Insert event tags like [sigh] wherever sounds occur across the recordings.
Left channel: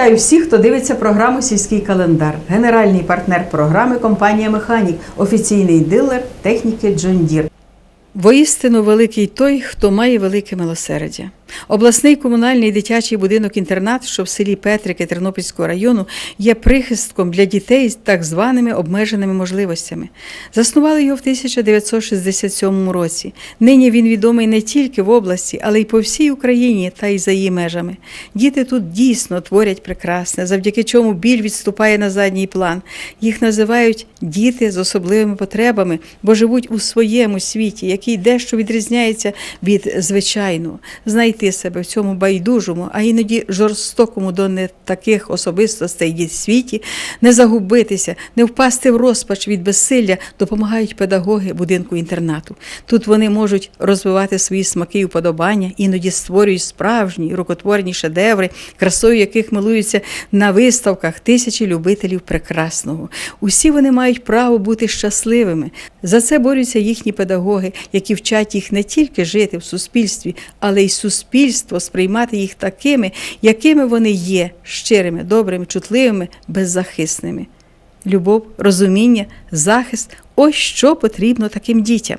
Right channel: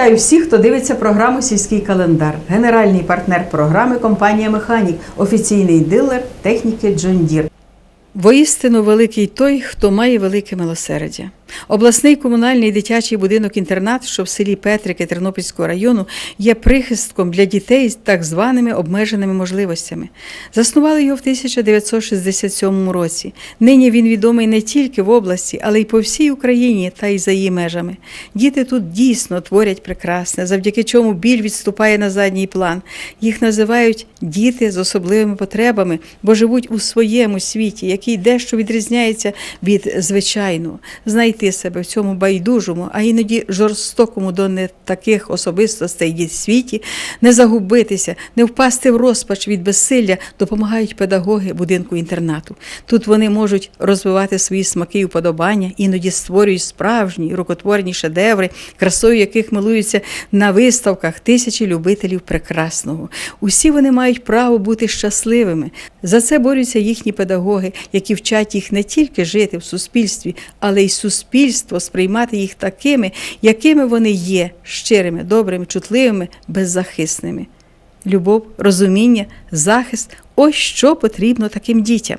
Вітаю всіх, хто дивиться програму Сільський календар. Генеральний партнер програми компанія Механік, офіційний дилер техніки Джон Дір. Воістину великий той, хто має велике милосердя. Обласний комунальний дитячий будинок-інтернат, що в селі Петрики Тернопільського району, є прихистком для дітей з так званими обмеженими можливостями. Заснували його в 1967 році. Нині він відомий не тільки в області, але й по всій Україні та й за її межами. Діти тут дійсно творять прекрасне, завдяки чому біль відступає на задній план. Їх називають діти з особливими потребами, бо живуть у своєму світі, який дещо відрізняється від звичайного. Знайти себе в цьому байдужому, а іноді жорстокому до не таких особистостей діт світі, не загубитися, не впасти в розпач від безсилля, допомагають педагоги будинку інтернату. Тут вони можуть розвивати свої смаки і вподобання, іноді створюють справжні рукотворні шедеври, красою яких милуються на виставках тисячі любителів прекрасного. Усі вони мають право бути щасливими. За це борються їхні педагоги, які вчать їх не тільки жити в суспільстві, але й суспільство сприймати їх такими, якими вони є, щирими, добрими, чутливими, беззахисними. Любов, розуміння, захист ось що потрібно таким дітям.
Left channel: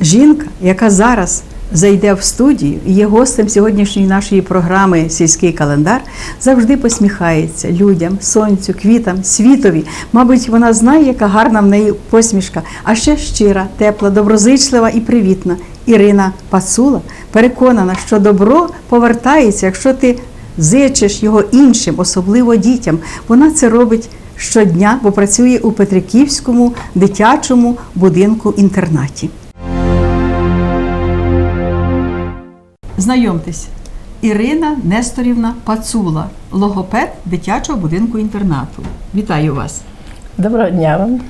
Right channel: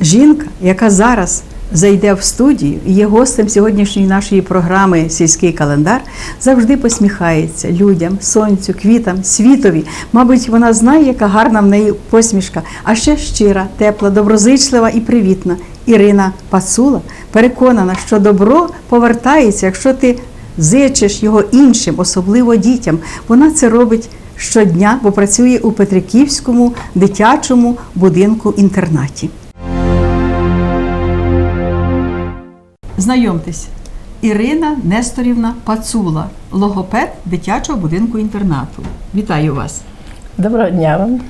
Жінка, яка зараз зайде в студію і є гостем сьогоднішньої нашої програми Сільський календар, завжди посміхається людям, сонцю, квітам, світові. Мабуть, вона знає, яка гарна в неї посмішка, а ще щира, тепла, доброзичлива і привітна. Ірина Пацула переконана, що добро повертається, якщо ти зичиш його іншим, особливо дітям. Вона це робить щодня, бо працює у Петриківському дитячому будинку-інтернаті. Знайомтесь, Ірина Несторівна Пацула, логопед дитячого будинку інтернату. Вітаю вас. Доброго дня вам.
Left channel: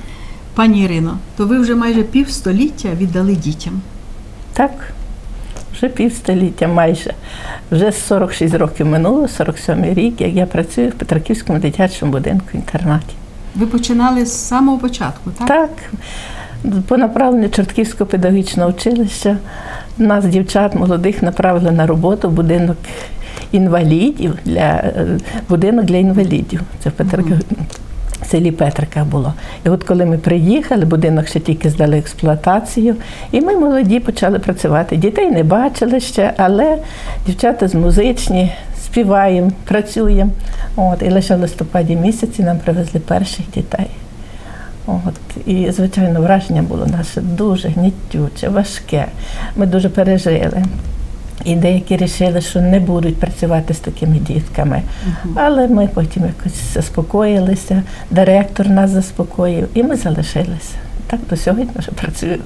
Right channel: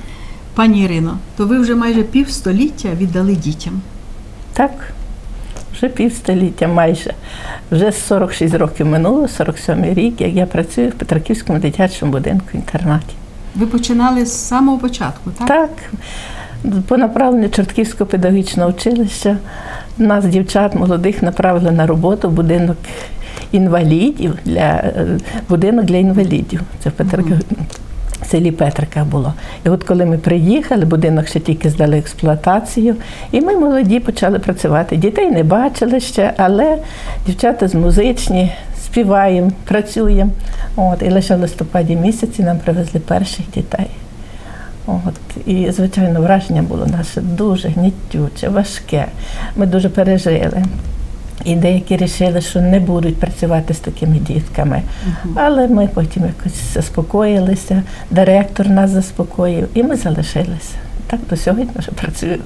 Пані Ірино, то ви вже майже півстоліття віддали дітям. Так, вже півстоліття майже. Вже 46 років минуло, 47 рік, як я працюю в Петраківському дитячому будинку інтернаті. Ви починали з самого початку, так? Так, по направленню Чортківського педагогічного училища нас, дівчат молодих, направили на роботу в будинок інвалідів для е, будинок для інвалідів. Це в Петрик... в селі Петрика було. І от коли ми приїхали, будинок ще тільки здали експлуатацію, і ми молоді почали працювати. Дітей не бачили ще, але дівчата з музичні. Співаємо, працюємо. От, і лише в листопаді місяці нам привезли перших дітей. От, і, звичайно, враження було наше дуже гнітюче, важке. Ми дуже пережили. І деякі вирішили, що не будуть працювати з такими дітками. Але ми потім якось заспокоїлися, директор нас заспокоїв, і ми залишилися. Так до сьогодні вже працюю.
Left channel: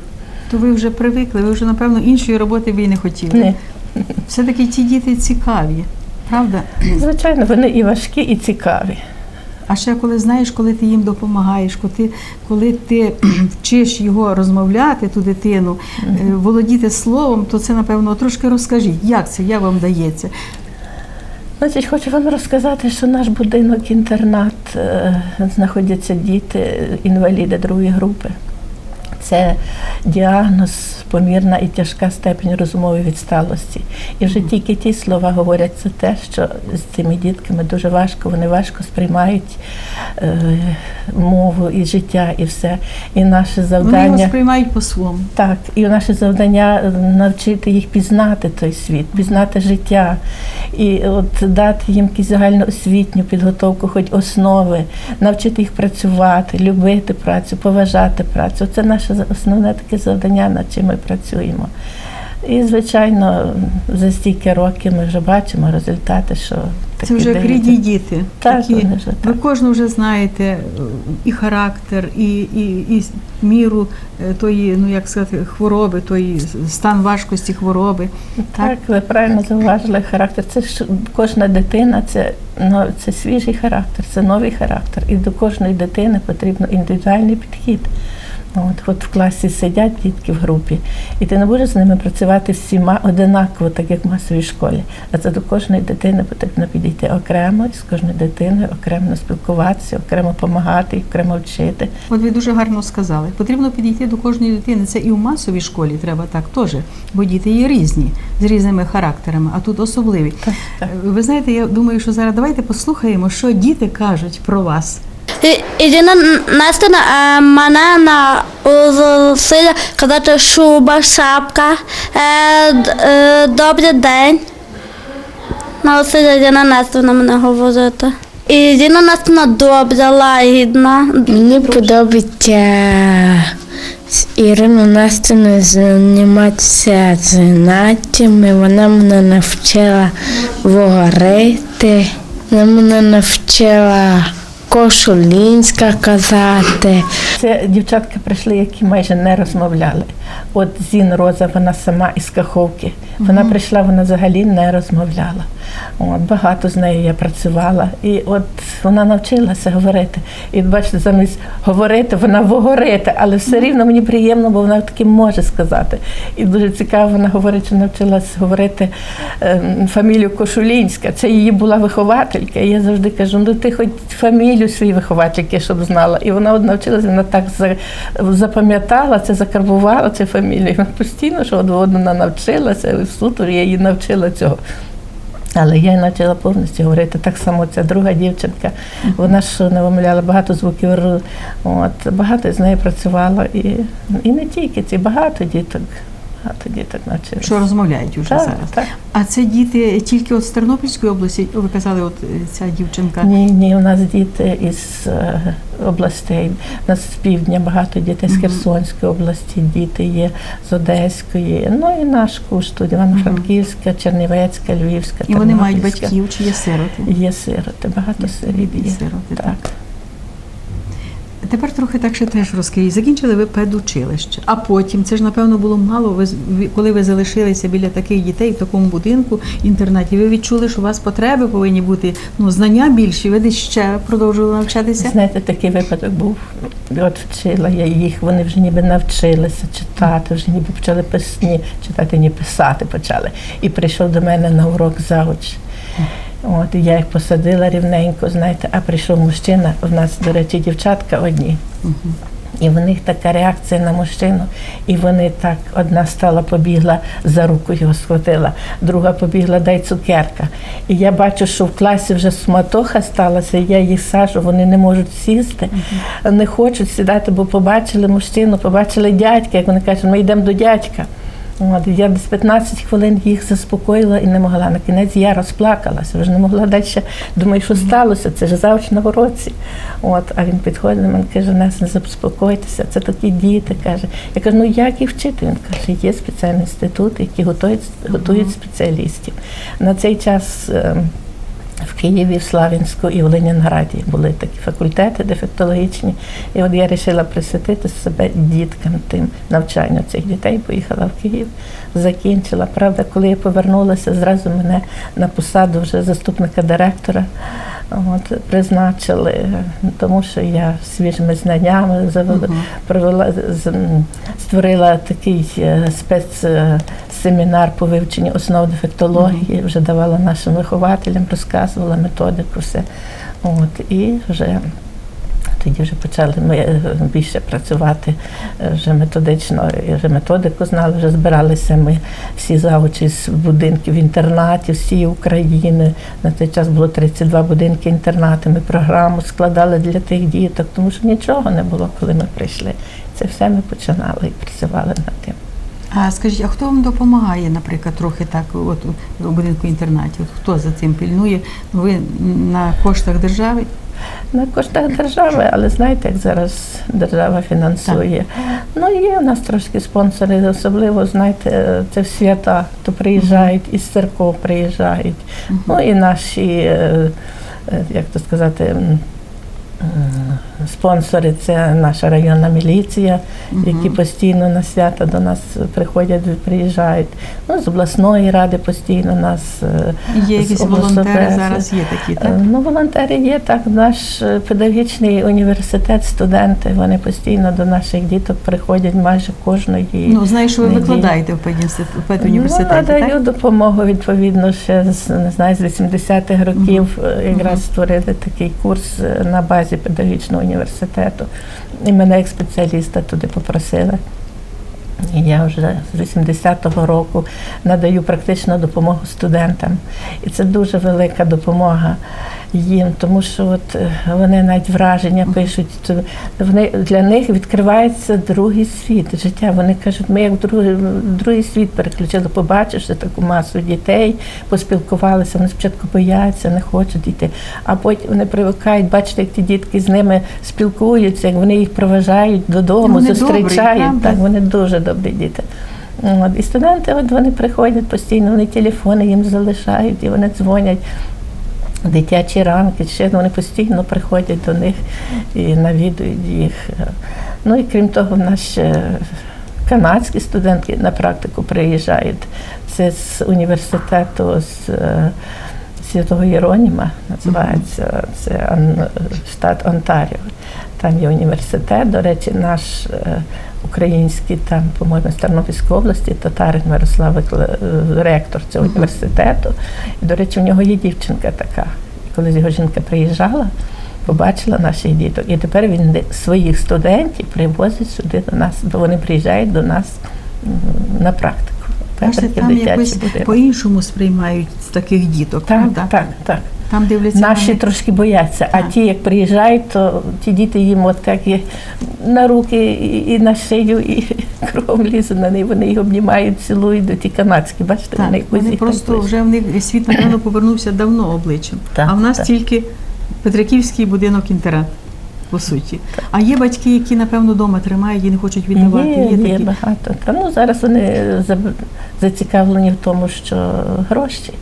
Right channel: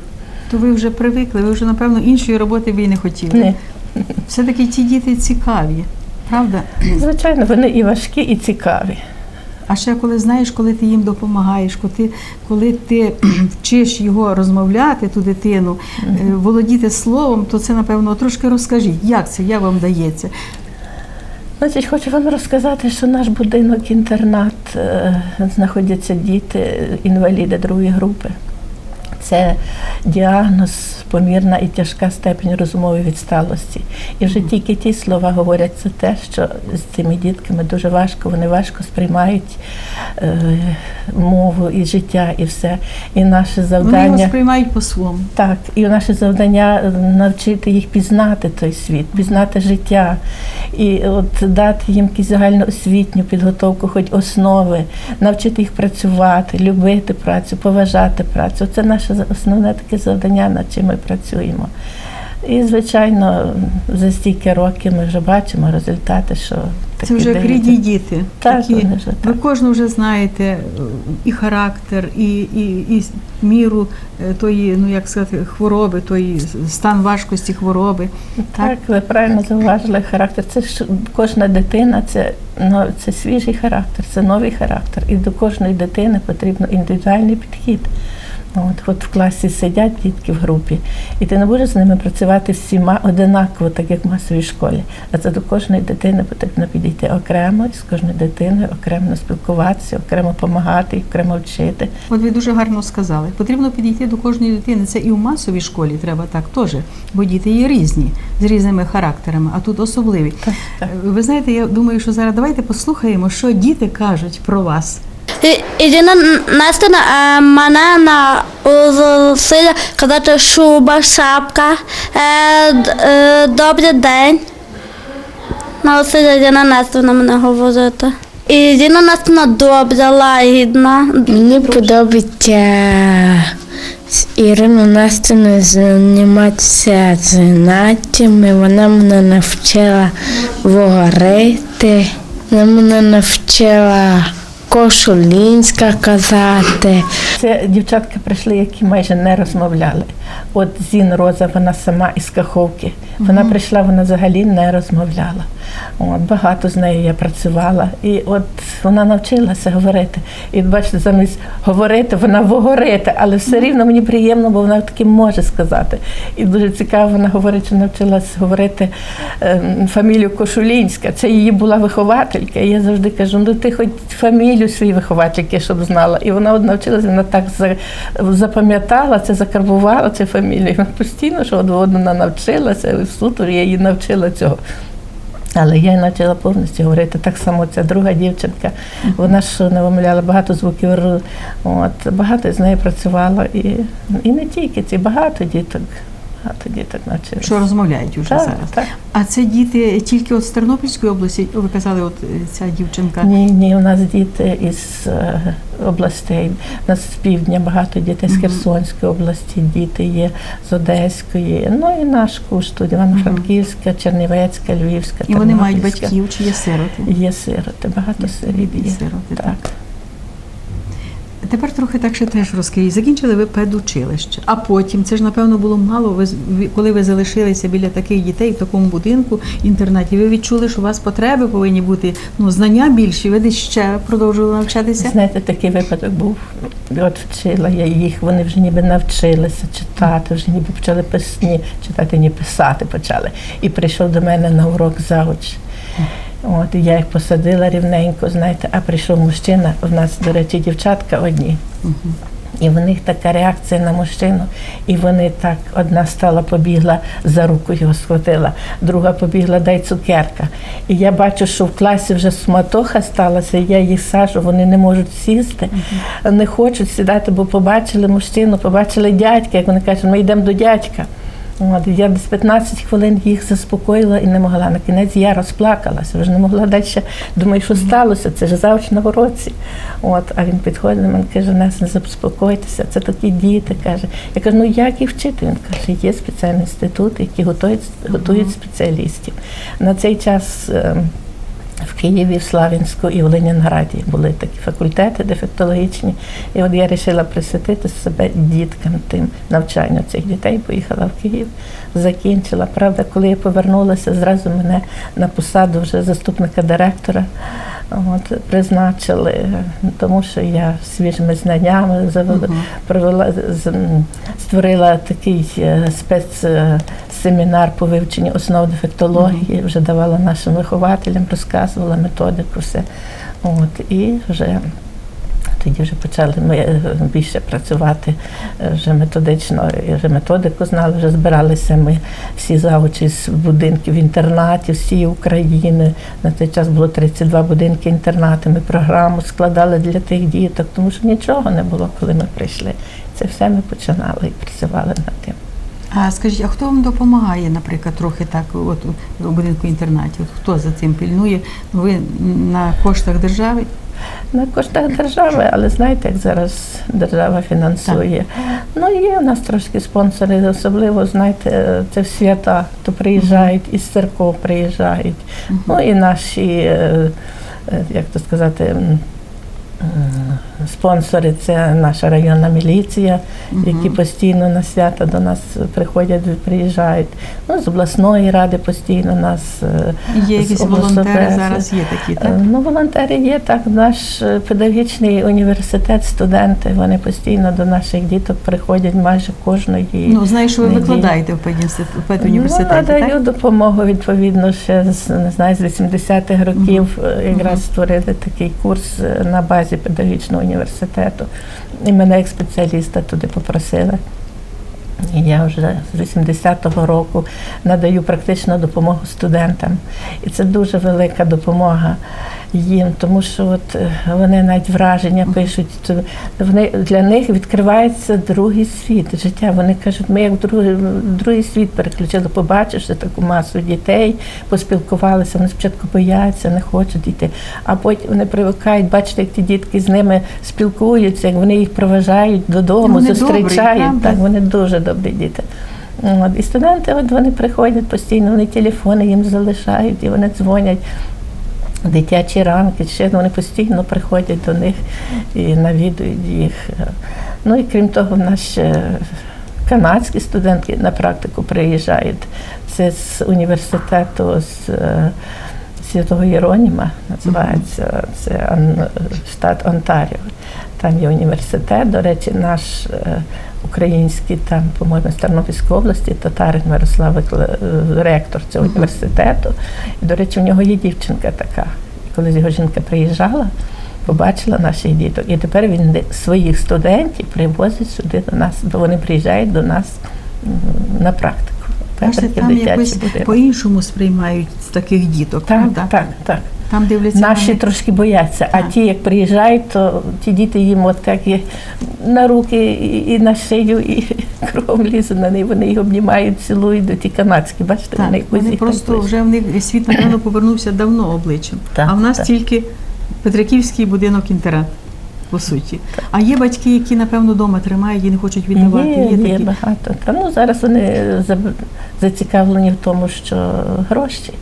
То ви вже привикли, ви вже, напевно, іншої роботи ви і не хотіли. Ні. Все-таки ті діти цікаві, правда? Звичайно, вони і важкі, і цікаві. А ще коли знаєш, коли ти їм допомагаєш, коли ти, коли ти [clears throat] вчиш його розмовляти, ту дитину, е, володіти словом, то це, напевно, трошки розкажіть, як це як вам дається. Значить, хочу вам розказати, що наш будинок-інтернат е, знаходяться діти, інваліди другої групи. Це діагноз, помірна і тяжка степень розумової відсталості. І вже тільки ті слова говорять за те, що з цими дітками дуже важко, вони важко сприймають е, мову і життя, і все. І наше Вони завдання. його сприймають по-своєму. Так, і наше завдання е, навчити їх пізнати той світ, пізнати життя, і от дати їм якусь загальноосвітню підготовку, хоч основи, навчити їх працювати, любити працю, поважати працю. Це наше за- основне таке завдання, над чим ми працюємо. І, звичайно, за стільки років ми вже бачимо результати, що Це вже дають. рідні діти. Так, такі. вони вже Ви так. кожну вже знаєте і характер, і, і, і міру е, тої, ну як сказати, хвороби, тої стан важкості хвороби. Так, ви правильно зауважили характер. Це ж кожна дитина, це, ну, це свіжий характер, це новий характер. І до кожної дитини потрібен індивідуальний підхід. От, от в класі сидять дітки в групі, і ти не будеш з ними працювати всіма одинаково, так як в масовій школі. А це до кожної дитини потрібно підійти окремо, і з кожною дитиною окремо спілкуватися, окремо допомагати, окремо вчити. От ви дуже гарно сказали. Потрібно підійти до кожної дитини. Це і в масовій школі треба так теж, бо діти є різні, з різними характерами, а тут особливі. Так, так. Ви знаєте, я думаю, що зараз давайте послухаємо, що діти кажуть про вас. І- Єдина Настя е, мене наусила казати шуба, шапка, е, е, добрий день. Наусила Єдина Настя на мене говорити. І Єдина Настя добра, лагідна. Мені подобається з Іриною Настіною займатися заняттями. Вона мене навчила говорити, вона мене навчила кошулінська казати. Це дівчатка прийшли, які майже не розмовляли. От Зін Роза, вона сама із Каховки. Вона прийшла, вона взагалі не розмовляла. От, багато з нею я працювала. І от вона навчилася говорити. І бачите, замість говорити, вона вогорити, але все рівно мені приємно, бо вона таки може сказати. І дуже цікаво, вона говорить, що навчилась говорити ем, фамілію Кошулінська. Це її була вихователька. І я завжди кажу, ну ти хоч фамілію своєї виховательки, щоб знала. І вона от навчилася, вона так запам'ятала це, закарбувала цю фамілія. Постійно, що от вона навчилася, в суторі я її навчила цього. Але я почала повністю говорити. Так само ця друга дівчинка. Вона ж не вимовляла багато звуків От, багато з нею працювала. І, і не тільки ці, багато діток. Багато діток навчилися. Що розмовляють уже Так, зараз. так. А це діти тільки от з Тернопільської області. Ви казали, от е, ця дівчинка. Ні, ні, у нас діти із е, областей. У нас з півдня багато дітей з Херсонської області, діти є з Одеської. Ну і наш куш тут Івано-Франківська, Чернівецька, Львівська. І вони мають батьків чи є сироти. Є сироти, багато сиріт є. сироти, так. так. Тепер трохи так ще теж розкажіть. Закінчили ви педучилище, а потім це ж напевно було мало. Ви коли ви залишилися біля таких дітей в такому будинку інтернаті. Ви відчули, що у вас потреби повинні бути ну знання більші. Ви десь ще продовжували навчатися. Знаєте, такий випадок був. От вчила я їх, вони вже ніби навчилися читати, вже ніби почали писні читати, ні писати почали. І прийшов до мене на урок завуч. От я їх посадила рівненько, знаєте, а прийшов мужчина. У нас, до речі, дівчатка одні. І в них така реакція на мужчину. І вони так, одна стала, побігла за руку його схватила, друга побігла, дай цукерка. І я бачу, що в класі вже суматоха сталася, я їх сажу, вони не можуть сісти, не хочуть сідати, бо побачили мужчину, побачили дядька, як вони кажуть, ми йдемо до дядька. От, я десь 15 хвилин їх заспокоїла і не могла. На кінець я розплакалася, вже не могла далі. Думаю, що сталося, це ж завжди на уроці. От, а він підходить до мене каже, нас не заспокойтеся, це такі діти. каже. Я кажу, ну як їх вчити? Він каже, є спеціальні інститути, які готують, готують спеціалістів. На цей час. В Києві, в Славянську і в Ленінграді були такі факультети дефектологічні. І от я вирішила присвятити себе діткам тим навчанню цих дітей. Поїхала в Київ, закінчила. Правда, коли я повернулася, зразу мене на посаду вже заступника директора. От, призначили, тому що я свіжими знаннями провела, з- створила такий е, спецсемінар по вивченню основ дефектології, вже давала нашим вихователям, розказувала методику, все. От, і вже тоді вже почали ми е, більше працювати е, вже методично, вже методику знали, вже збиралися ми всі завучі з будинків інтернатів всієї України. На той час було 32 будинки інтернату. Ми програму складали для тих діток, тому що нічого не було, коли ми прийшли. Це все ми починали і працювали над тим. А скажіть, а хто вам допомагає, наприклад, трохи так, от у будинку інтернатів? Хто за цим пільнує? Ви на коштах держави? На коштах держави, але знаєте, як зараз держава фінансує. Ну, є у нас трошки спонсори, особливо, знаєте, це в свята, то приїжджають, із церков приїжджають. Ну і наші, е, е, як то сказати, спонсори це наша районна міліція, які постійно на свята до нас приходять, приїжджають. Ну, з обласної ради постійно нас е, Є якісь волонтери зараз є такі, так? Е, Ну, волонтери є так. Наш е, педагогічний університет, студенти, вони постійно до наших діток приходять майже кожної. Ну, знаєш, ви неділі. викладаєте в педуніверситеті, Ну, надаю так? допомогу відповідно ще з не знаю, з 80-х років. е, Якраз створили такий курс е, на базі педагогічного університету. І мене як спеціаліста туди попросили. І я вже з 80-го року надаю практичну допомогу студентам. І це дуже велика допомога їм, тому що от е, вони навіть враження пишуть. то Вони для них відкривається другий світ життя. Вони кажуть, ми як в другий, другий світ переключили, побачивши таку масу дітей, поспілкувалися. Вони спочатку бояться, не хочуть йти, а потім вони привикають, бачите, як ті дітки з ними спілкуються, як вони їх проважають додому, Вони зустрічають. правда? так, вони дуже добрі діти. От. І студенти, от вони приходять постійно, вони телефони їм залишають, і вони дзвонять. Дитячі ранки, ще вони постійно приходять до них і навідують їх. Ну і крім того, в нас ще канадські студентки на практику приїжджають. Це з університету з е, Святого Єроніма, називається це штат Онтаріо. Там є університет. До речі, наш е, український там, по-моєму, з Тернопільської області, татарин Мирослав е, ректор цього університету. І, до речі, у нього є дівчинка така. І коли його жінка приїжджала, побачила наших діток. І тепер він своїх студентів привозить сюди до нас, бо вони приїжджають до нас на практику. В там якось по-іншому сприймають таких діток, Так, правда? так, так. Там дивляться Наші вони- трошки бояться, а Так. ті, як приїжджають, то ті діти їм от так і на руки, і, і на шию, і [laughs] кругом лізуть на них, вони їх обнімають, цілують, до ті канадські, бачите, Так, вони вони просто ближче. вже в них світ, напевно, [clears throat] повернувся давно обличчям. Так, а в нас так. тільки Петриківський будинок інтернат, по суті. А є батьки, які, напевно, вдома тримають і не хочуть віддавати. Є, є, такі. багато. Та, ну, зараз вони зацікавлені в тому, що гроші.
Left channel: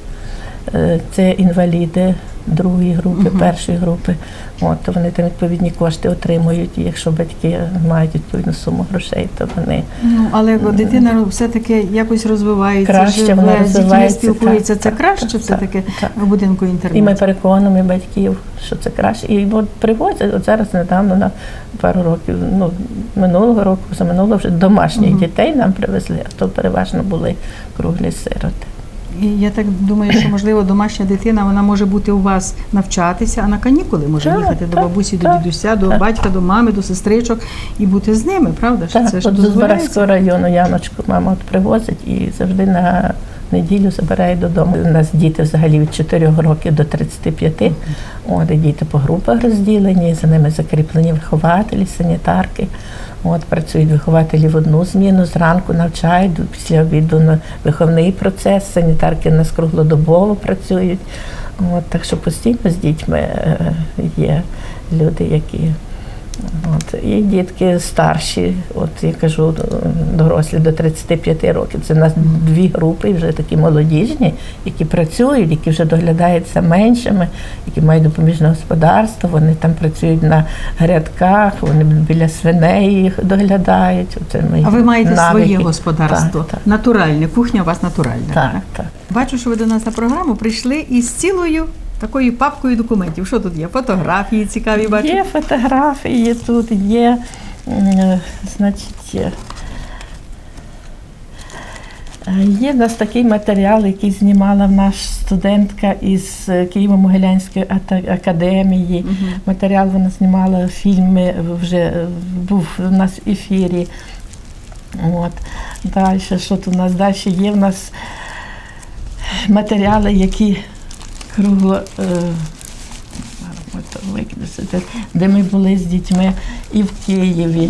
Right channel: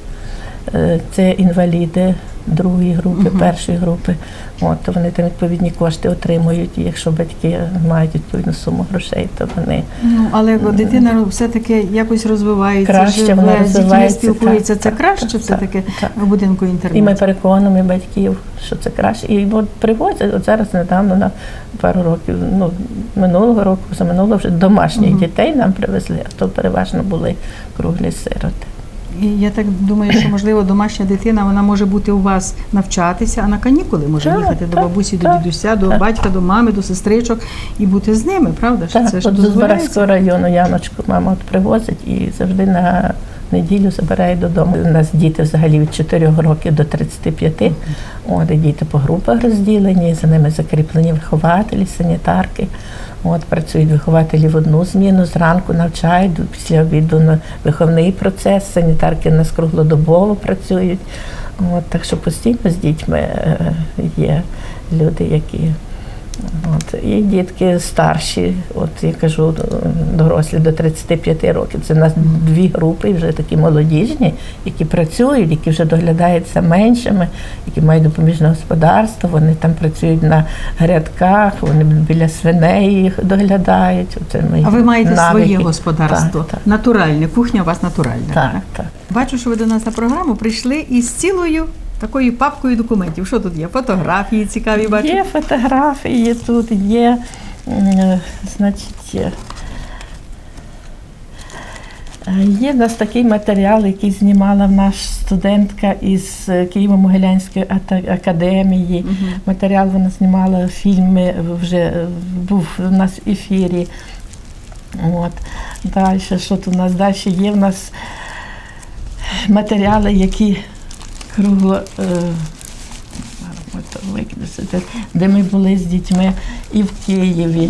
Е, Це інваліди другої групи, першої групи. От, то вони там відповідні кошти отримують. І якщо батьки мають відповідну суму грошей, то вони Ну, але дитина все-таки якось розвивається, Краще живе, вона розвивається, спілкується. так, Це так, краще так, все-таки так. в будинку І ми переконуємо батьків, що це краще. І от привозять, от зараз недавно на пару років, ну минулого року, за минулого вже домашніх дітей нам привезли, а то переважно були круглі сироти. І я так думаю, що можливо домашня дитина вона може бути у вас навчатися, а на канікули може Так, їхати до так, бабусі, до дідуся, до так. батька, до мами, до сестричок і бути з ними, правда? Так, Це ж. Збаразького району Яночку мама от привозить і завжди на неділю забирає додому. У нас діти взагалі від 4 років до 35. От, і діти по групах розділені, за ними закріплені вихователі, санітарки. От, працюють вихователі в одну зміну, зранку навчають, після обіду на виховний процес, санітарки нас круглодобово працюють. От, так що постійно з дітьми е, є люди, які От, і дітки старші, от я кажу, дорослі до 35 років. Це у нас дві групи, вже такі молодіжні, які працюють, які вже доглядаються меншими, які мають допоміжне господарство, вони там працюють на грядках, вони біля свиней їх доглядають. Оце ми А ви маєте навики. своє господарство, Так, так, натуральне, кухня у вас натуральна. так, так. Бачу, що ви до нас на програму прийшли із цілою такою папкою документів. Що тут є? Фотографії цікаві бачу. Є фотографії тут, є, значить, є. Е, Є в нас такий матеріал, який знімала нас студентка із е, Києво-Могилянської академії. Матеріал вона знімала фільми, вже е, був у нас в ефірі. От. Далі, що тут у нас далі є? В нас матеріали, які кругло. Е, де- ми були з дітьми і в Києві.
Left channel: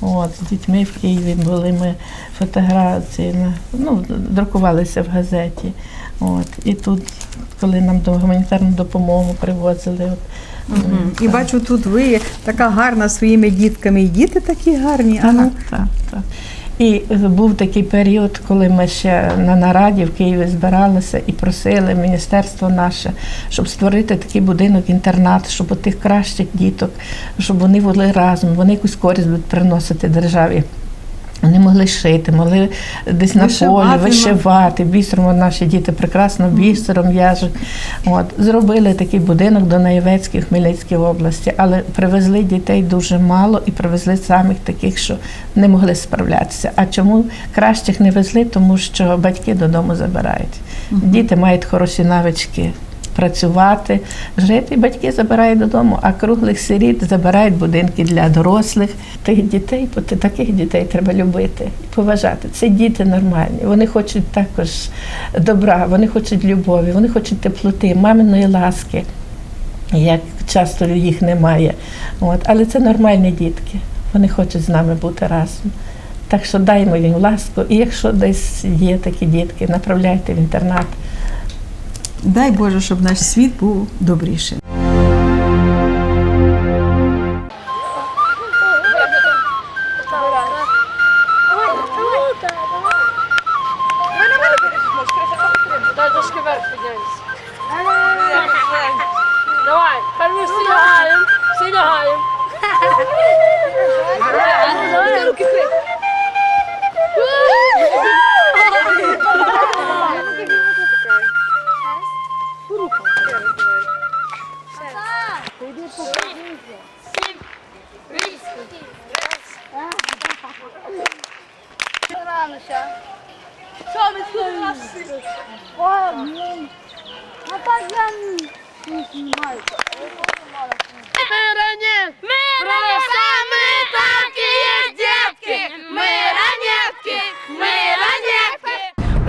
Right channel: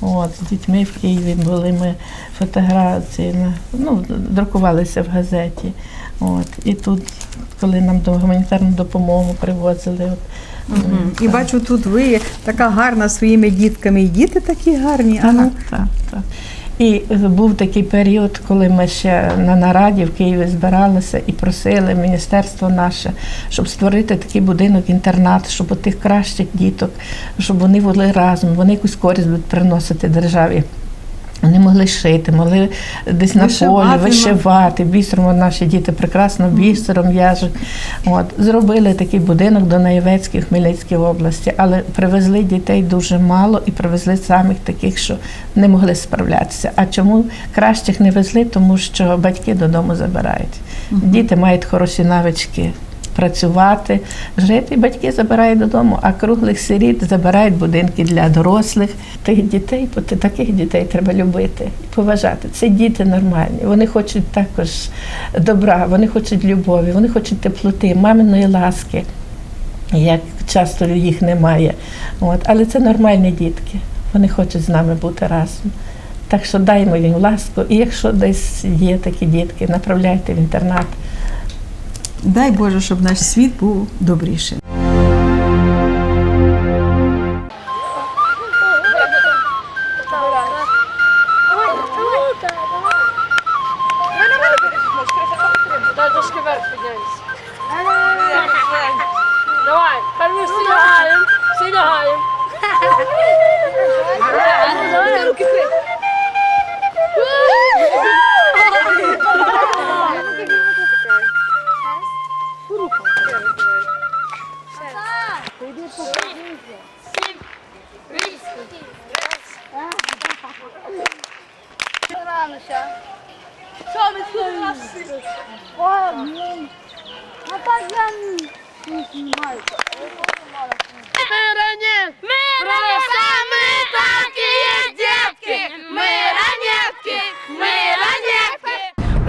От, з дітьми в Києві були ми фотографії, ну, друкувалися в газеті. От, і тут, коли нам до гуманітарну допомогу привозили. От, Мгм. І бачу, тут ви така гарна своїми дітками, і діти такі гарні. Ага. Так, так. І був такий період, коли ми ще на нараді в Києві збиралися і просили міністерство наше, щоб створити такий будинок-інтернат, щоб у тих кращих діток, щоб вони були разом, вони якусь користь будуть приносити державі. Вони могли шити, могли десь на полі ну. вишивати. Бісером наші діти прекрасно бісером в'яжуть. От зробили такий будинок до Наєвецькій Хмельницькій області, але привезли дітей дуже мало і привезли самих таких, що не могли справлятися. А чому кращих не везли? Тому що батьки додому забирають. Діти мають хороші навички. Працювати, жити, батьки забирають додому, а круглих сиріт забирають будинки для дорослих. Тих дітей, таких дітей треба любити і поважати. Це діти нормальні. Вони хочуть також добра, вони хочуть любові, вони хочуть теплоти, маминої ласки, як часто їх немає. От. Але це нормальні дітки. Вони хочуть з нами бути разом. Так що даймо їм ласку. І якщо десь є такі дітки, направляйте в інтернат. Дай Боже, щоб наш світ був добрішим.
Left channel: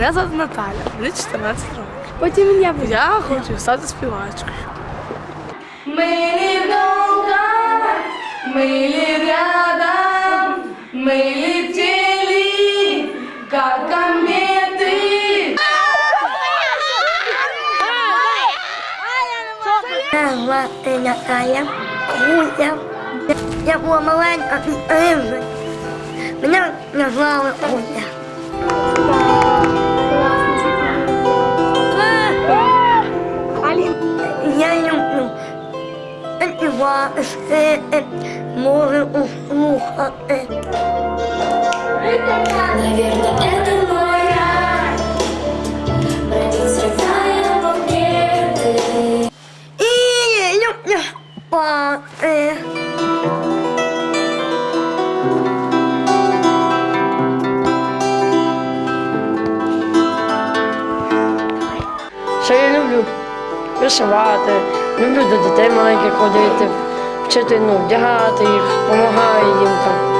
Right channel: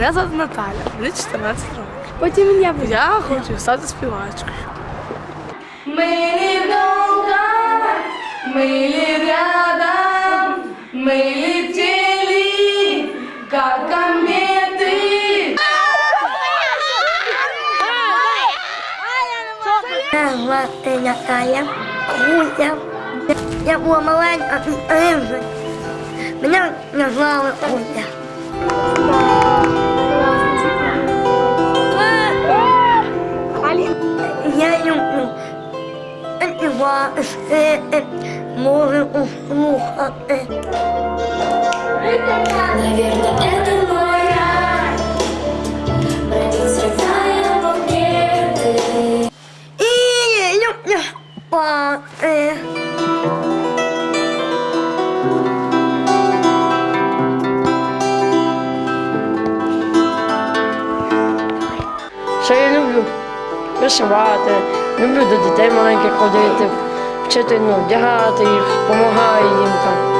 Мене звати Наталя, мені 14 років. Потім я Я хочу стати співачкою. Мили долго, мили рядом, мы летели, как кометы. Мене звати Наталя Гуся. Я була маленька і рівна. Мене назвали Гуся. Танцювати, шити, услухати. слухати. Ходити, вчити, ну, вдягати їх, допомагаю їм там.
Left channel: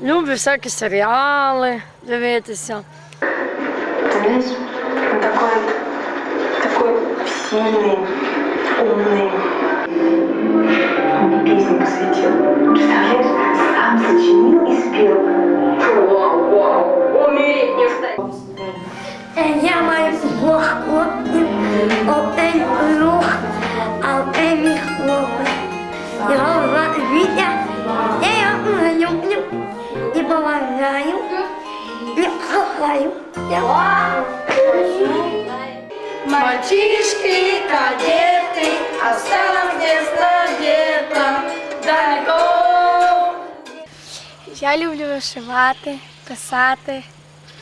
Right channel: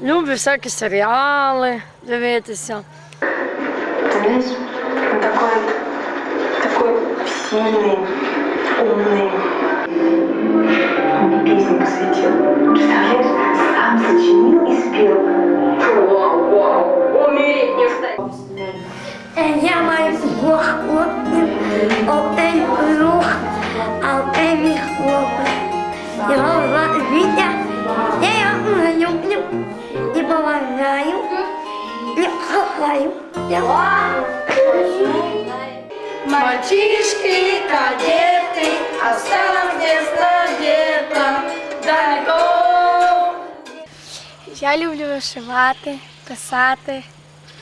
Люблю всякі серіали дивитися. Знаешь, он такой, такой сильный, умный. Он мне песню посвятил. Представляешь, сам сочинил и спел. Вау, вау, умереть не встать. Я маю двох хлопців, один друг, а один мій хлопець. Його звати Вітя, я його дуже люблю і поважаю, і кохаю. Я Мальчишки, кадеты, осталось детство где-то далеко. Я люблю вишивати, писати,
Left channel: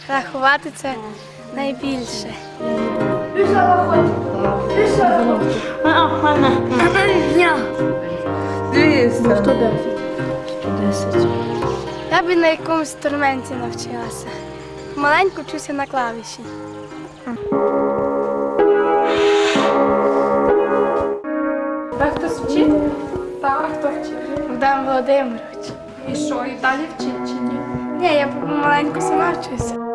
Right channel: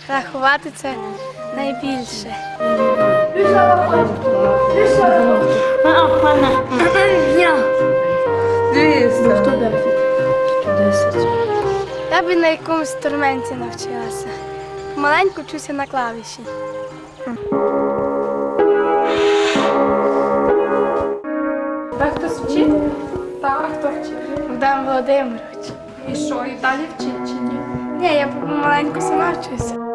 рахувати це найбільше. я. Я б на якомусь інструменті навчилася. Маленьку вчуся на клавіші. Так хтось вчить? Так, хто вчить? Богдан Володимирович. І що, і далі вчить чи ні? Ні, я маленько сама вчуся.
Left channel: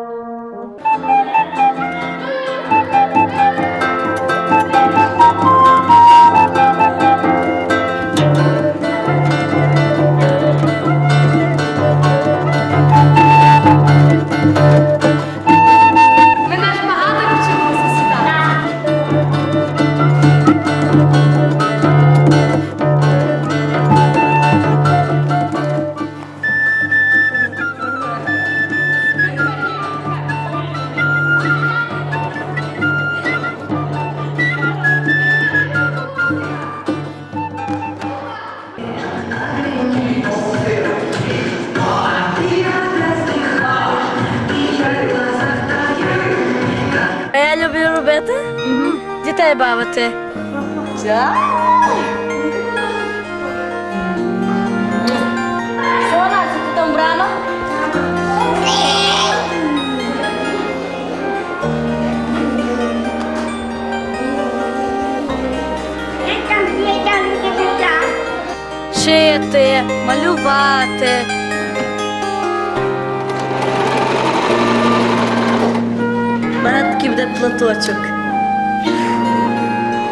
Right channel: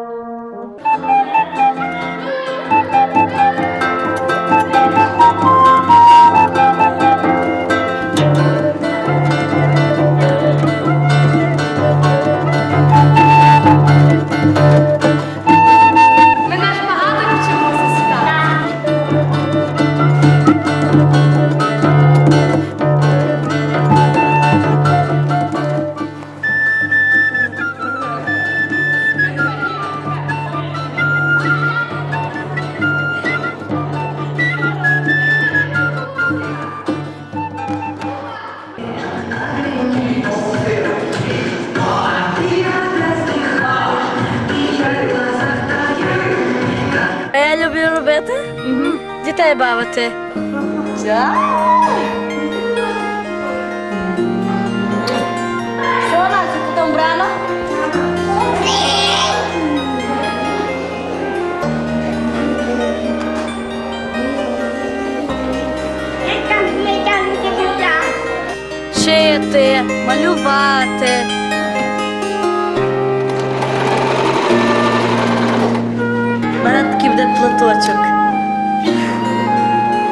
Платочок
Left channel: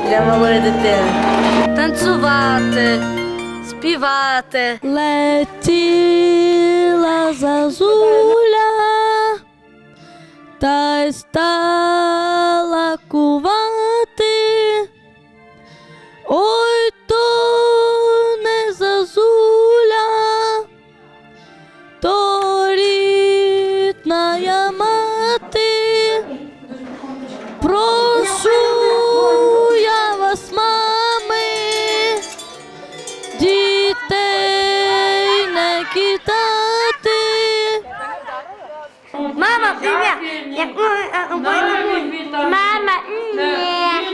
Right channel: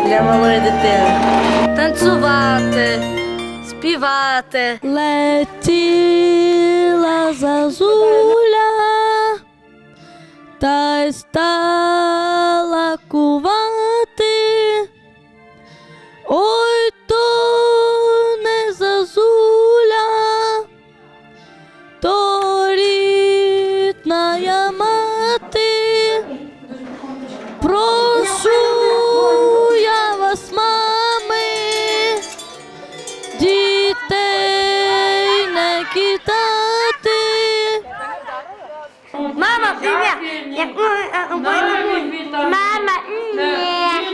для малої дитини. Танцювати, співати. Летіла зазуля, та й стала кувати. Мама, ні.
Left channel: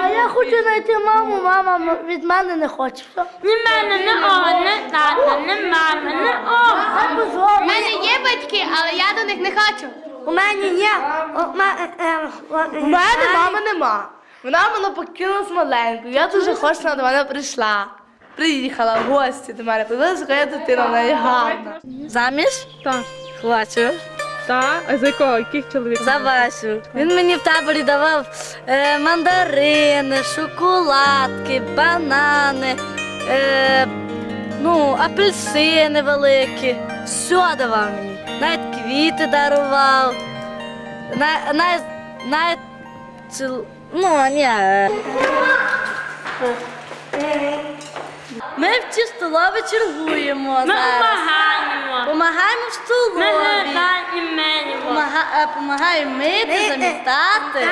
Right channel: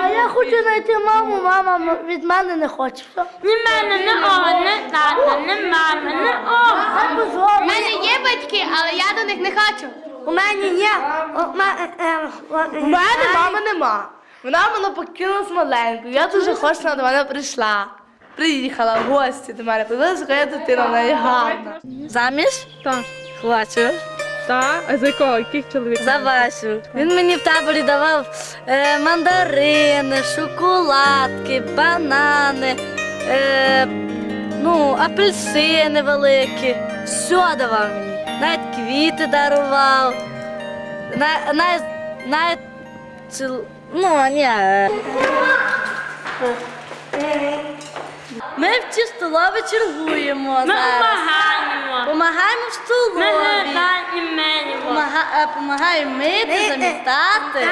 А я хочу знайти маму, мама від мене не хоче. Ні мене, не о, не тата, не мама, не о. У мене є батьки, але я до них не хочу. У мене є. У мене мами нема. Вона мене покинула з маленькою. Я дуже хочу, вона до мене прийшла. Приїхала в гості до мене. Подивилася, яка я дитина, вона є гарна. Заміж? Так. Хочу. Так, а за якого? Яких чоловіків? За Васю. Він мені в таборі давав е, мандарини, шоколадки, банани, е, ну, апельсини великі. Все давав мені. Навіть квіти дарував. На- Навіть, навіть ціл... Ну, ні. е. Ми в столові чергуємо зараз. Помагаємо в Ми столові. е, Помагаємо мити, замітати.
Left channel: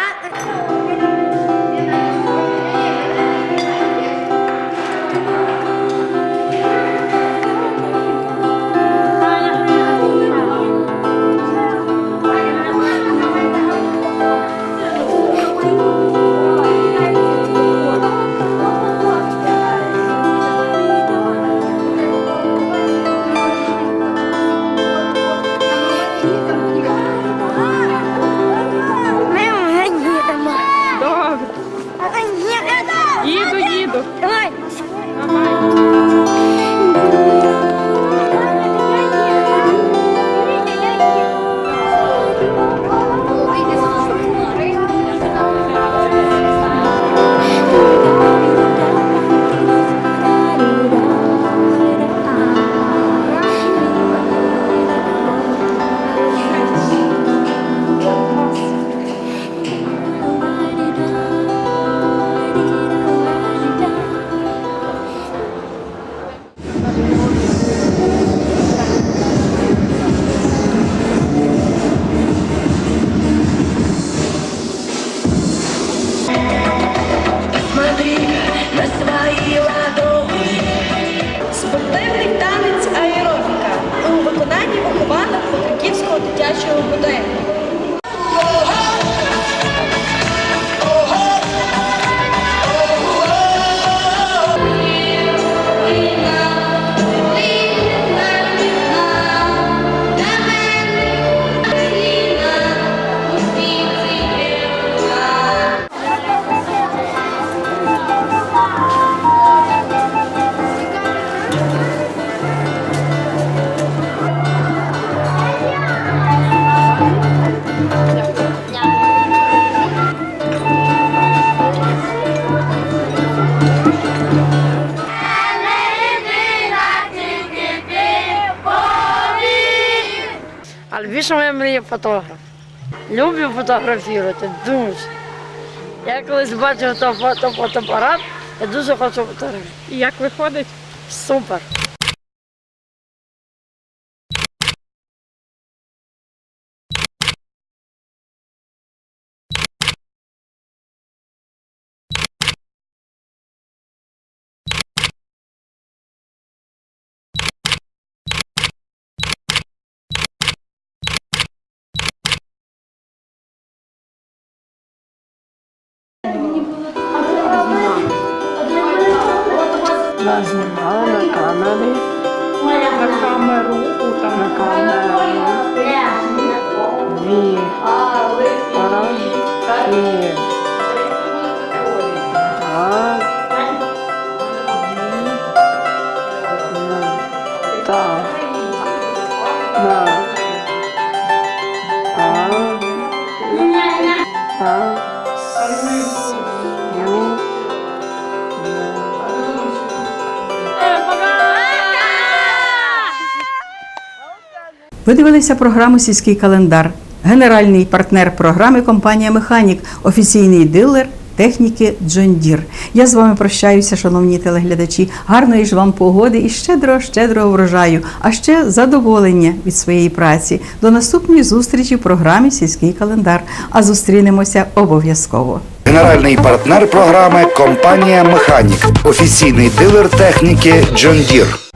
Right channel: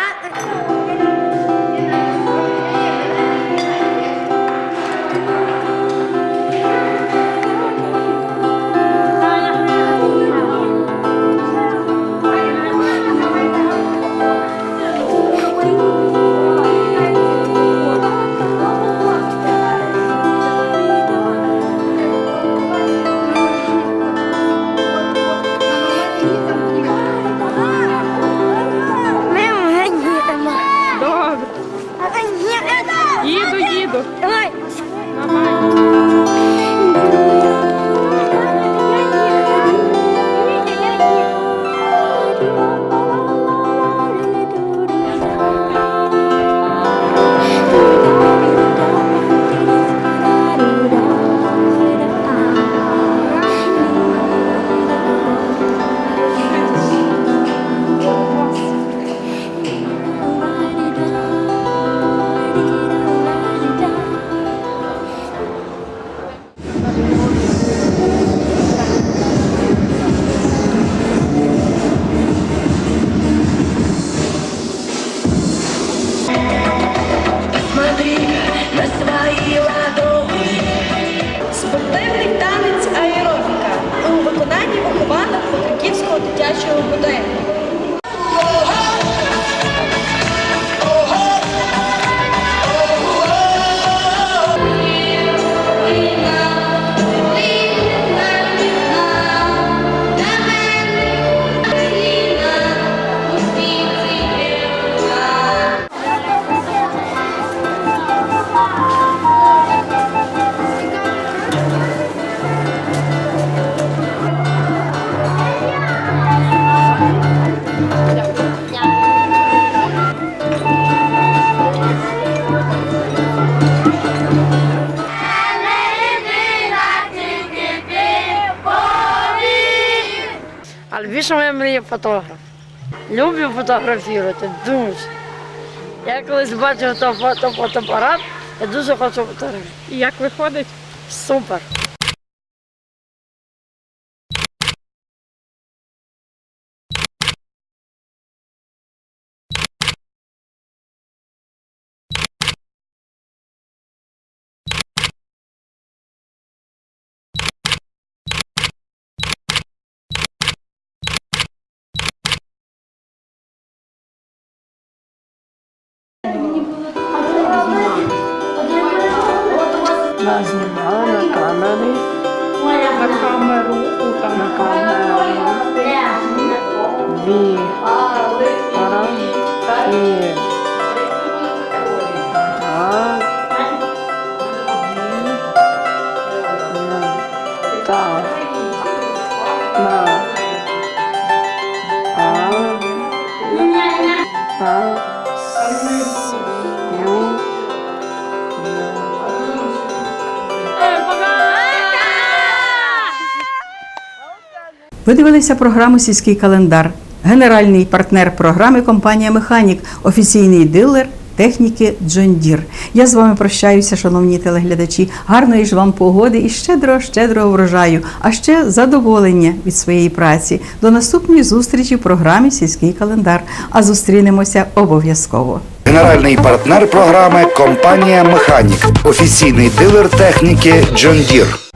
Фотограф. Люблю фотографувати, дуже. Я колись бачив фотоапарат, я дуже хочу фотографувати. І як виходить? Супер. Вона знімала на камери. На камеру, на камеру. Дві. Раз, дві. Ви дивилися програму Сільський календар. Генеральний партнер програми компанія Механік, офіційний дилер техніки Джон Дір. Я з вами прощаюся, шановні телеглядачі. Гарної ж вам погоди і щедрого, щедрого врожаю, а ще задоволення від своєї праці. До наступної зустрічі в програмі Сільський календар. А зустрінемося обов'язково. Генеральний партнер програми компанія Механік, офіційний дилер техніки John Deere.